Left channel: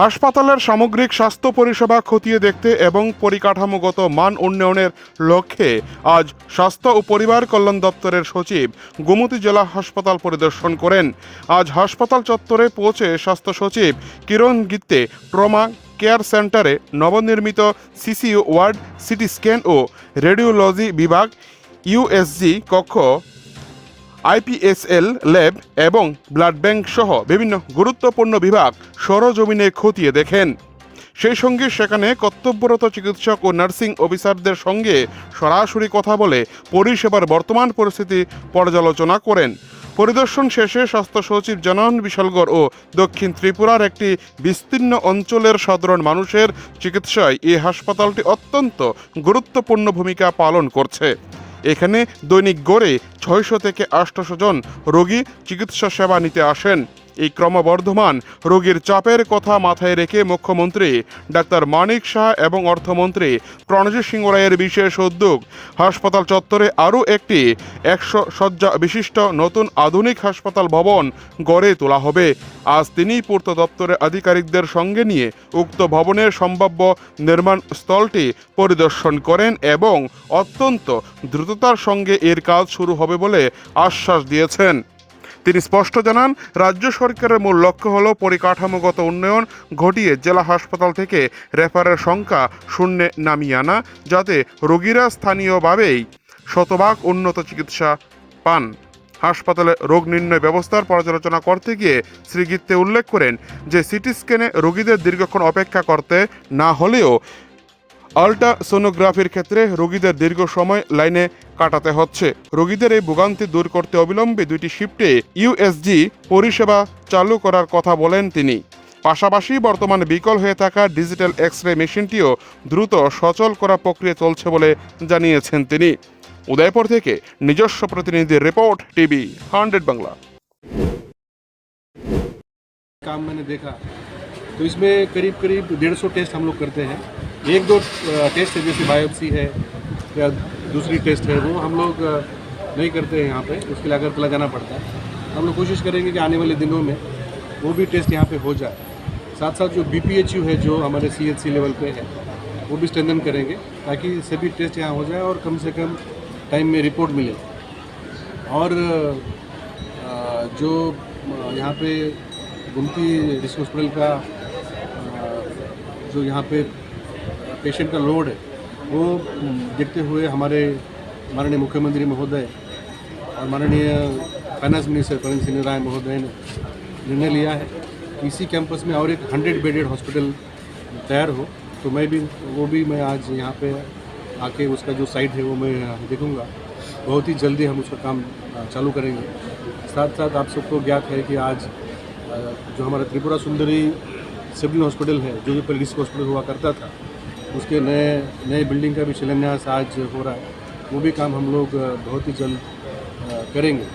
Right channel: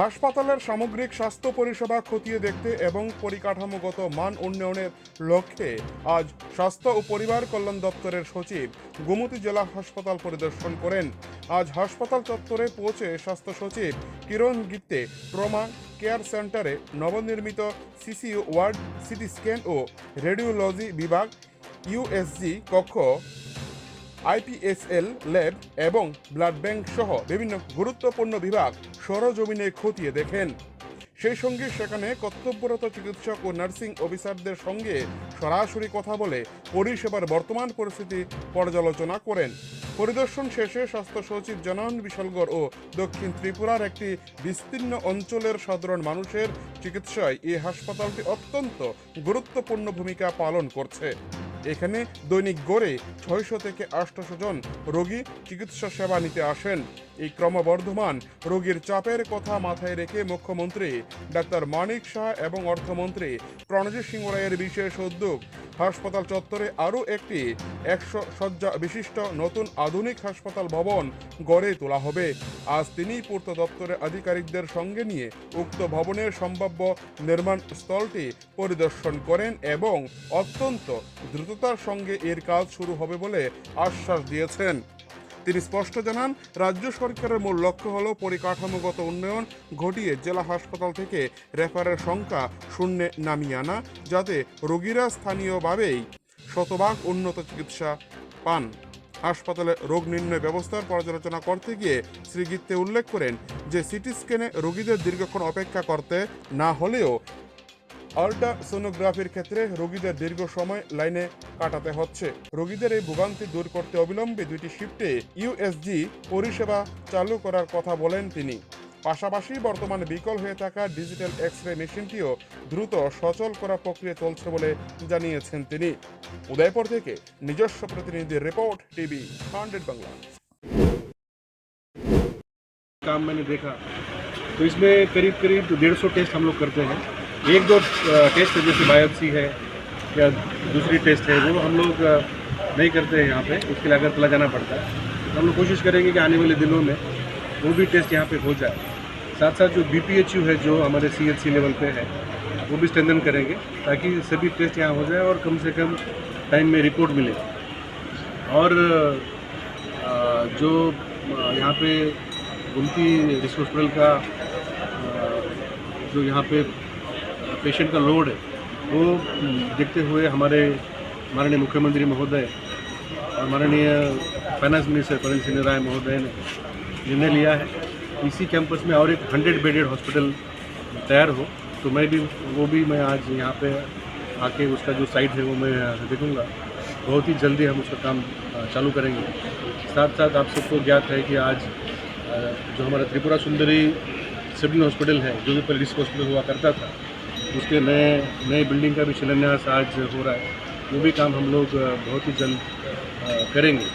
হাসপাতালের সামগ্রিক স্বাস্থ্য পরিষেবা খতিয়ে দেখতে এবং পরিকাঠামোগত মান উন্নয়নের লক্ষ্যে আজ স্বাস্থ্য ও পরিবার কল্যাণ দপ্তরের সচিব গোমতী জেলা হাসপাতাল পরিদর্শন করেন। আজ হাসপাতাল চত্বরে পৌঁছে স্বাস্থ্য সচিব কিরণ গিত্তে ট্রমা কেয়ার সেন্টারে নবনির্মিত সিসিইউ ওয়ার্ড, সিটি স্ক্যান ও রেডিওলজি বিভাগ, ইউএসজি কক্ষ, আইপিএসএল ল্যাব এবং ব্লাড ব্যাংক সহ বিভিন্ন গুরুত্বপূর্ণ বিভাগ সরজমিনে খতিয়ে দেখেন। সেই সঙ্গে সেখানে কর্তব্যরত চিকিৎসক ও নার্সিং অফিসারদের সঙ্গে সরাসরি কথা বলে পরিষেবার বর্তমান পরিস্থিতি পর্যালোচনা করেন। পরিদর্শন শেষে স্বাস্থ্য সচিব জানান, বিশালগড় ও দক্ষিণ ত্রিপুরার একটি বিস্তীর্ণ অঞ্চলের সাধারণ মানুষের চিকিৎসায় এই হাসপাতালটি অত্যন্ত গুরুত্বপূর্ণ ভূমিকা পালন করছে। এখানে দৈনিক গড়ে 600 থেকে 800 জন রোগী চিকিৎসা সেবা নিতে আসেন। এই ক্রমবর্ধমান রোগীর চাপের কথা মাথায় রেখে মুখ্যমন্ত্রী ডাক্তার মানিক শাহ এবং অর্থমন্ত্রী প্রণজিৎ সিংহ রায়ের বিশেষ উদ্যোগ হাসপাতাল চত্বরে আরও একটি 100 শয্যা বিশিষ্ট নতুন আধুনিক হাসপাতাল ভবন গড়ে তোলা হবে। আজ তিনি পূর্ত দপ্তরের আধিকারিকদের সঙ্গে নিয়ে উক্ত ভবনের সম্ভাব্য নির্মাণ স্থলটি পরিদর্শন করেন এবং অত্যন্ত দ্রুততার সঙ্গে এর কাজ শুরু হবে বলে আশ্বাস দিয়েছেন। তিনি স্পষ্ট জানান, রাজ্য সরকারের মূল লক্ষ্য হল পরিকাঠামোগত উন্নয়ন ঘটিয়ে জেলা হাসপাতাল থেকে রেফারের সংখ্যা শূন্যে নামিয়ে আনা, যাতে রোগীরা স্থানীয়ভাবেই শতভাগ উন্নত চিকিৎসা পান। হাসপাতালে রোগ নির্ণয় ব্যবস্থার পর্যালোচনা করতে গিয়ে শ্রী গিত্তে উল্লেখ করেন যে সিটি স্ক্যানে রোগীদের দীর্ঘক্ষণ অপেক্ষা করতে না হলেও আল্ট্রাসোনোগ্রাফির ক্ষেত্রে রোগীদের দীর্ঘ সময় লাইনে কাটাতে হচ্ছে। রোগীদের এই ভোগান্তি দূর করতে অবিলম্বে 2টি শিফটে ইউএসজি পরিষেবা চালু করার কথা বলেন তিনি। পাশাপাশি বর্তমানে বিকল হয়ে থাকা ডিজিটাল এক্স-রে মেশিনটিও দ্রুত সচল করা প্রক্রিয়া চলছে বলে জানিয়েছেন তিনি। উদয়পুর থেকে নিজস্ব প্রতিনিধির রিপোর্ট, টিভি 100 বাংলা। काम मैंने देखा तो इसमें करीब 150 टेस्ट हम लोग करते हैं। 1-2 टेस्ट है, जैसे बायोप्सी है या दूसरी टेस्ट है, वो हम लोग नहीं करते हैं यहाँ पे, उसके लिए अगरतला जाना पड़ता है। हम लोग कोशिश करेंगे कि आने वाले दिनों में वो भी टेस्ट यहाँ पे हो जाए। साथ साथ जो BPHU है, जो हमारे CHC लेवल पे है, वो भी स्ट्रेंथन करेंगे ताकि सभी टेस्ट यहाँ हो जाए और कम से कम टाइम में रिपोर्ट मिले। और जो यहाँ पे गोमती डिस्ट्रिक्ट हॉस्पिटल का जो यहाँ पे पेशेंट का लोड है, वो देखते हुए हमारे माननीय मुख्यमंत्री महोदय और माननीय फाइनेंस मिनिस्टर प्रवीण सिंह राय महोदय ने निर्णय लिया है इसी कैंपस में और एक 100 बेडेड हॉस्पिटल तैयार हो। तो मैं आज यहाँ पे आके उसका जो साइट है वो मैं देखूँगा। बहुत ही जल्दी हम उसका काम चालू करेंगे। साथ साथ आप सबको ज्ञात है कि आज जो हमारा त्रिपुरा सुंदरी सिविल हॉस्पिटल है, जो भी पहले डिस्ट्रिक्ट हॉस्पिटल हुआ करता था, उसके नए बिल्डिंग का भी शिलान्यास आज हो रहा है। वो भी काम हम लोग बहुत ही जल्द करेंगे।